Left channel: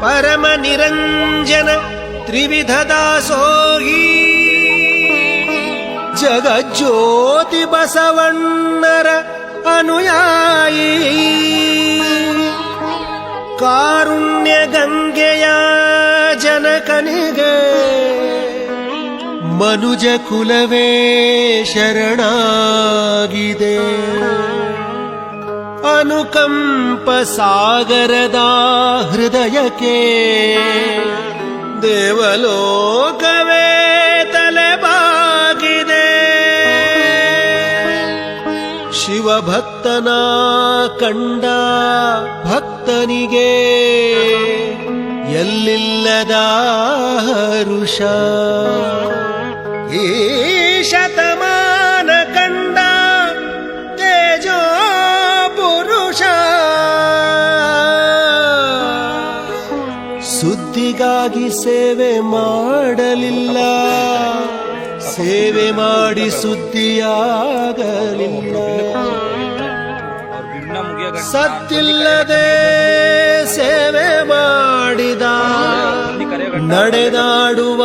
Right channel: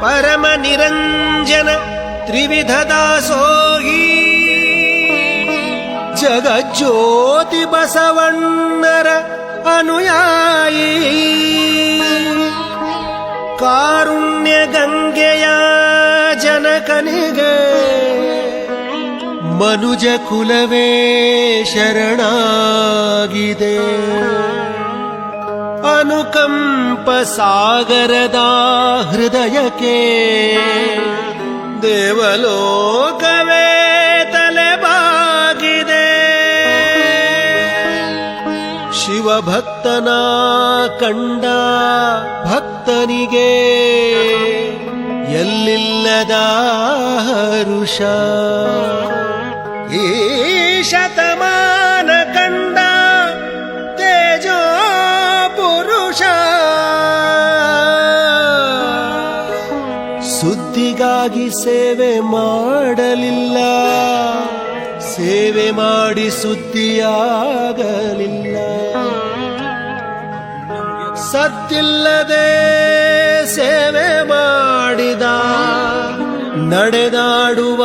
ಪರಮ ನಿರಂಜನ ತ್ರಿವಿಧ ದಾಸೋಹಿ. ಜಗಜ್ಯೋತಿ ಬಸವಣ್ಣರ ಅನುಯಾಯಿ. ಕಾರುಣ್ಯ ಗಂಗೆಯ ಜನಕನಿಗೆ. ಮನುಜ ಕುಲವೇ ಶರಣಾಗಿದೆ. ಅನುಕಂಪ ಸಾಗರದ ಹೃದಯಕ್ಕೆ ದೇವಲೋಕವೇ ತಲೆಬಾಗಿದೆ. ಶಿವಭಕ್ತನ ಕಂಡ ಭಕ್ತನಿಗೆ ಎಲ್ಲಿಲ್ಲದ ಹರುಷ. ಈ ಶತಮಾನ ಸುದ್ದಿಗಾಗಿ ಸೇವೆ ಮಾಡಲಿಲ್ಲ. ಸೇವೆ ಮಾಡಿ ಸುದ್ದಿಯಾಗಲಿಲ್ಲ. ಸತ್ತಿಲ್ಲದೆ ಸೇವೆ ಮಾಡಿದ ನಡೆದಾಡುವ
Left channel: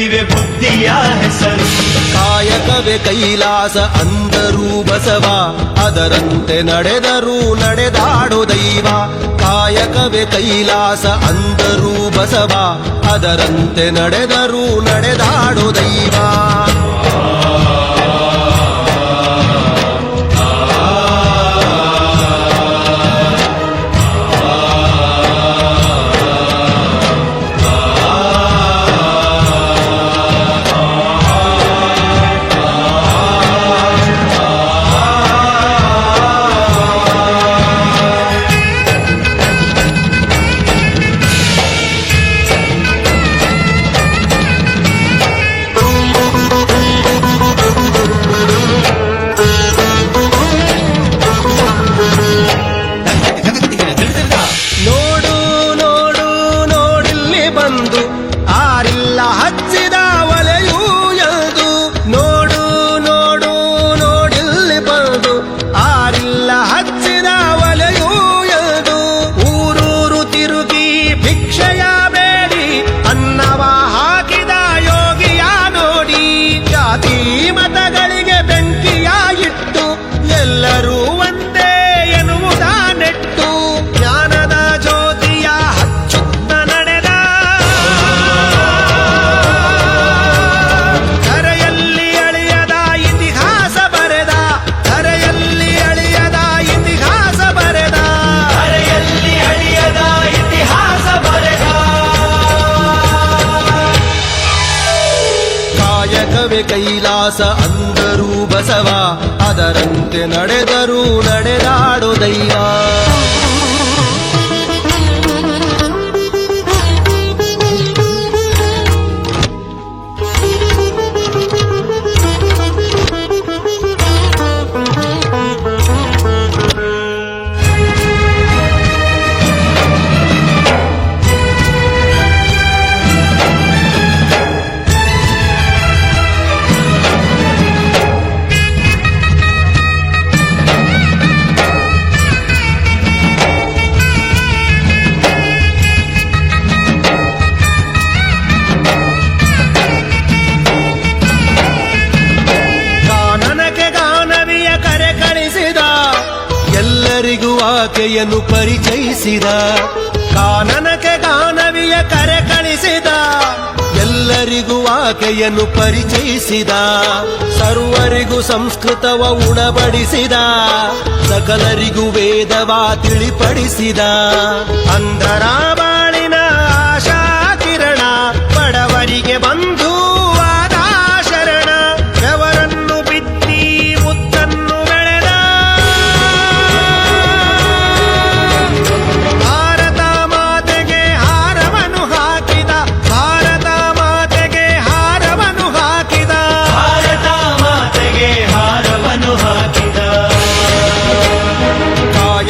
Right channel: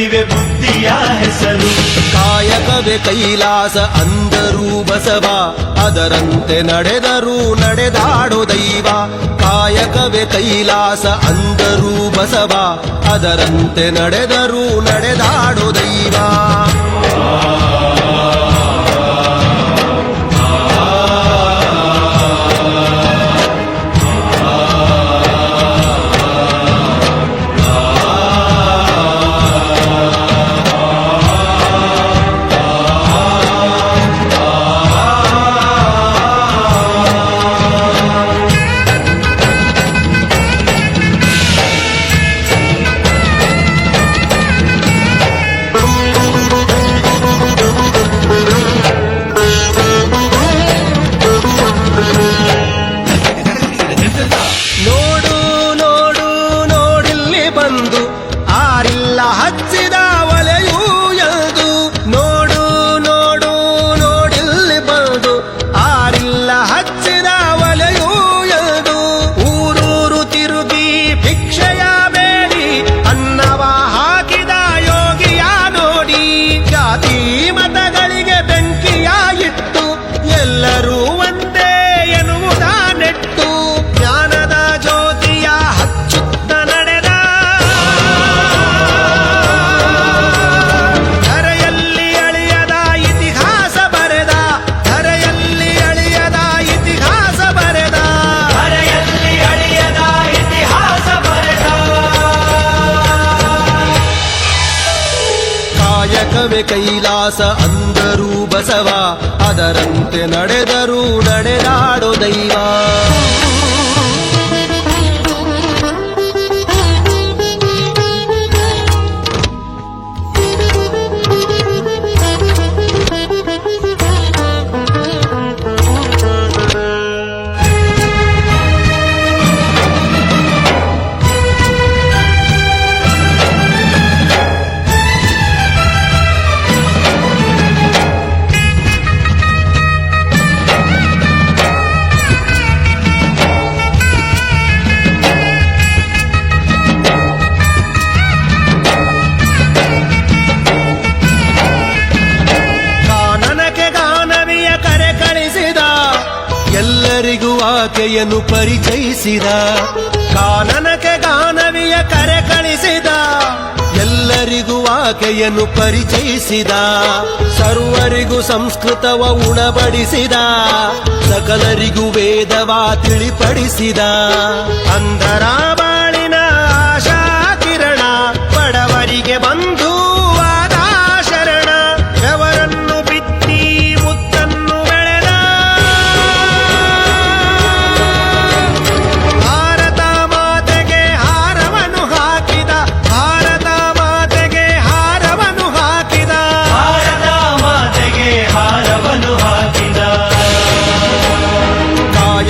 ಹೇಳುತ್ತಿವೆ ಬುದ್ಧಿಯ ಹೆಸರು. ಕಾಯಕವೇ ಕೈಲಾಸ ಅಂದರೂ ಬಸವ, ಅದರಂತೆ ನಡೆದರೂ ನಡೆದಾಡೋ ದೈವ. ಕಾಯಕವೇ ಕೈಲಾಸ ಅಂದರೂ ಬಸವ, ಅದರಂತೆ ನಡೆದರೂ ನಡೆದಾಡೋ ದೈವ. ಜಾತಿ ಮತಗಳಿಗೆ ಬೆಂಕಿಯಾಗಿತ್ತು ಎಲ್ಲರೂ ಒಂದೇ ಎನ್ನುವುದ ಕಾಯಕವೇ ಕೈಲಾಸ ಅಂದರೂ ಬಸವ ಅದರಂತೆ ನಡೆದರೂ ನಡೆದಾಡೋ ದೈವ. ಎಲ್ಲರಿಗೂ ಆಕೆಯನ್ನು ಪರಿಚಯಿಸಿದ. ಕಾನನಕ್ಕೆ ಗಾನವಿಯ ಕರೆ ಕಳಿಸಿದ. ಎಲ್ಲರಿಗೂ ಆಕೆಯನ್ನು ಪರಿಚಯಿಸಿದ. ಸರ್ವರಿಗೂ ಸಂಸ್ಕೃತವ ಉಣಬಡಿಸಿದ. ಸಕಲರಿಗೂ ವೇದವ ತಿಳಿಪಡಿಸಿದ. ಅಂಧರ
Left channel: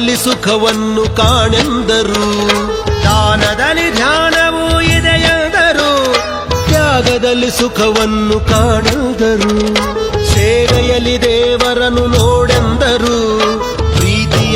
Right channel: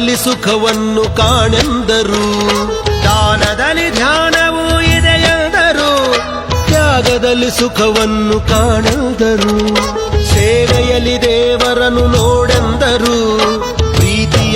ತ್ಯಾಗದಲ್ಲಿ ಸುಖವನ್ನು ಕಾಣೆಂದರು. ದಾನದಲ್ಲಿ ಧ್ಯಾನವೂ ಇದೆಯೆಂದರು ತ್ಯಾಗದಲ್ಲಿ ಸುಖವನ್ನು ಕಾಣೆಂದರು. ಸೇವೆಯಲ್ಲಿ ದೇವರನ್ನು ನೋಡೆಂದರು. ಪ್ರೀತಿಯಲ್ಲಿ